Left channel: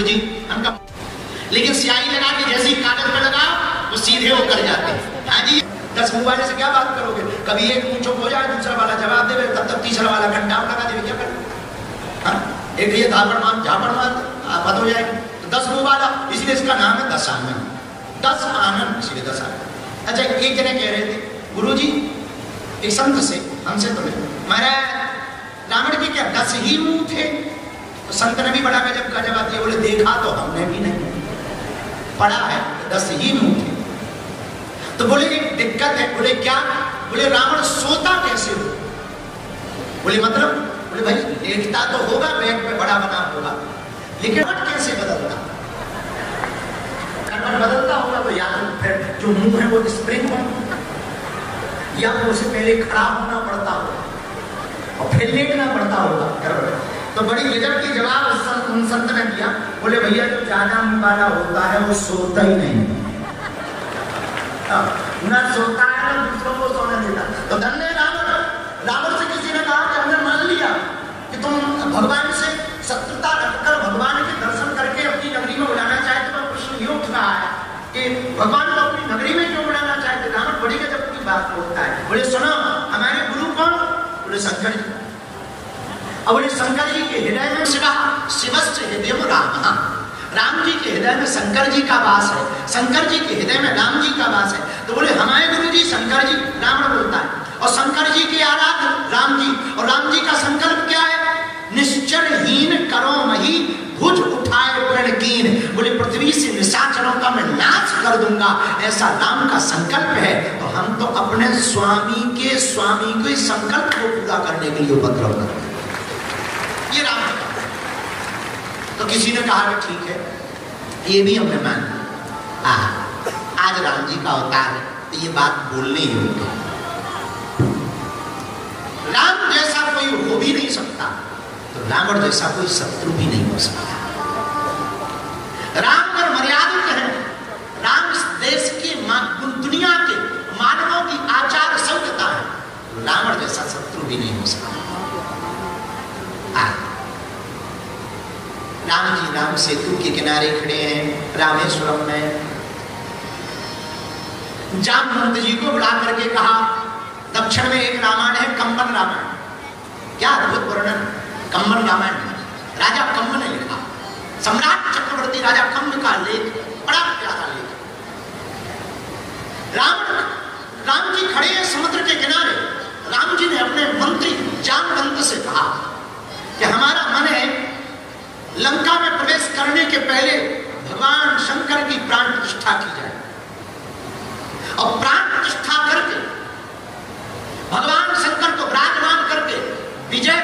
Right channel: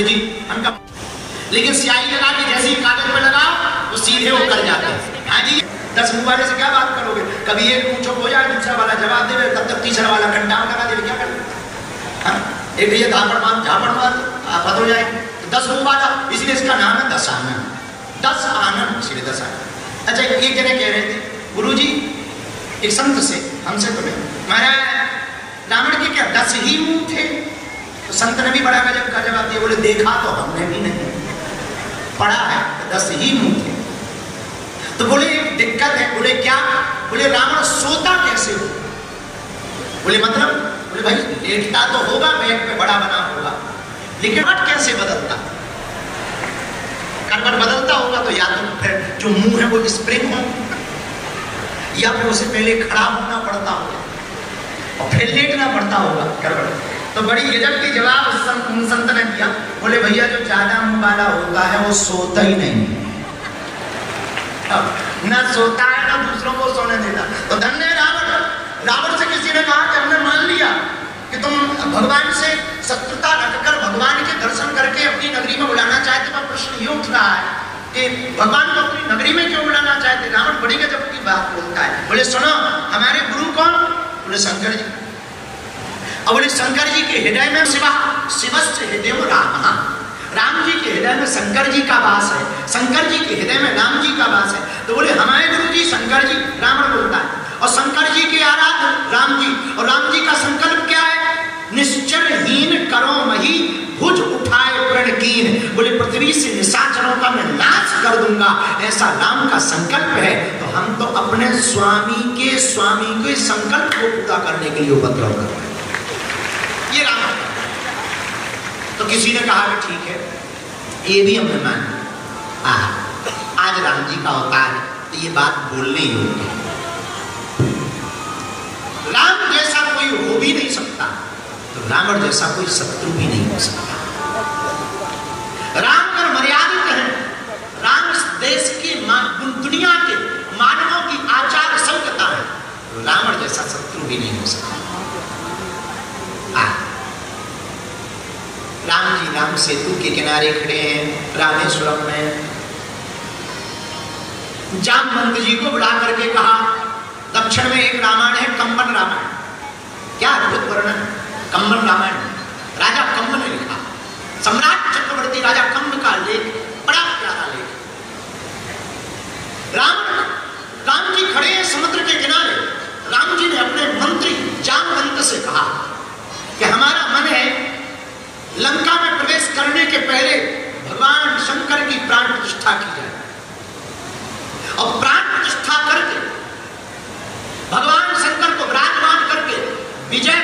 बोले जी हम कब, लेकिन स्याही लगा के जैसे ही कागज पे लगा तो सीधे वो कर जाते हैं। हाँ जी, 10 मुंह वाले से क्या बात करोगे, कभी एक पूछो हो जाए, दूसरा वाला जवाब दे, तब तक तीसरा वाला घंटा लगा दे, क्या करें। एक ये झापड़ मार पता हो जाएगी। 10 मुंह वाला, इसलिए इसका नाम है 10 आनंद। 10 आनंद, इसलिए 10 आनंद। अच्छा, एक जने कह रहे थे गुरु जी एक संत से हमसे बोले, महाराज रावण के क्या 10 ही मुंह थे? तो संत ने भी बड़ा गजब का जवाब दिया, बोले देखा तो हमने भी नहीं, पढ़ा है 10 ही मुंह थे। तो बोले एक दिक्कत है। बोले क्या? बोले रावण सोता कैसे हो? बोले मतलब? बोले भाई लेटता तो होगा, बेड पे बड़ा बना होगा, लेकिन करवट कैसे बदलता? करवट बदलता होगा तो या तो फिर जो मुंह है वो स्प्रिंग हो, या फिर उसे पहले खड़ा होना पड़ता होगा और फिर लेटना पड़ता होगा करवट। तो बड़ी गजब की जवाब उन संत ने दिया। बोले भैया जो ज्यादा मुंह वाला होता है वो सोता ही नहीं, न सोता है ना दूसरों को सोने देता। तो धन्य रावण से किसी ने कहा कि हमने मान लिया कि तुम भगवान से शत्रुता रखकर भगवान के दर्शन करके अपनी नगरी में बुलाना चाहते। वह प्रश्न ये उठ रहा है कि भगवान को अपनी नगरी में क्यों बुलाना चाहते? रावण बड़ी गजब की बात बोलता है। बोले सुनो, हमारे गुरु कौन? बोले शंकर जी। अब बोले शंकर जी के हृदय में शिवस्य हृदय में राम जी के हृदय में शंकर जी का वास है, शंकर जी के हृदय में राम जी का वास है। तो बोले हमारे गुरु जी शंकर जी, रावण बोलता है, और शंकर जी के आराध्य राम जी, और राम जी का संकल्प क्या है? निश्चरहीन करो मही भुज उठाए प्रण कीन। बोले पृथ्वी से निशाचरों का मैं नाश कर दूंगा, ऐसा राम का संकल्प है। तो हम तो अपने स्वामी के संकल्प को पूरा करने के लिए उपद्रव कर रहे हैं। ये राम। तो किसी ने कहा कि ठीक है ये भी हमें मान, आज राम जी का अवतार है तो ये बात बोलने योग्य है। राम जैसा कोई हो भी नहीं सकता, तो रावण जैसा कोई शत्रु भी नहीं हो सकता। राम अगर मर्यादित है, राम इस देश के दुनिया के मानवों की आचार संहिता है, तो रावण जैसा शत्रु भी नहीं हो सकता। राम जी राम सेतु के किनारे खड़े हैं रामेश्वरम में। जामवंत जी को बुला करके कहा, दक्षिण में एक रामायण है कंबन रामायण, क्या अद्भुत वर्णन, कंबन रामायण राजा कंब ने लिखा, सम्राट चक्रवर्ती राजा कंब का लेख, बड़ा प्यारा लेख। राम जी खड़े हैं समुद्र के किनारे। राम जी ने अपने मंत्री जामवंत से कहा कि हमारा मन है लंका में प्रवेश करने के पहले भगवान शंकर की प्राण प्रतिष्ठा की जाए, और प्राण प्रतिष्ठा करके भगवान शंकर को विराजमान करके विजय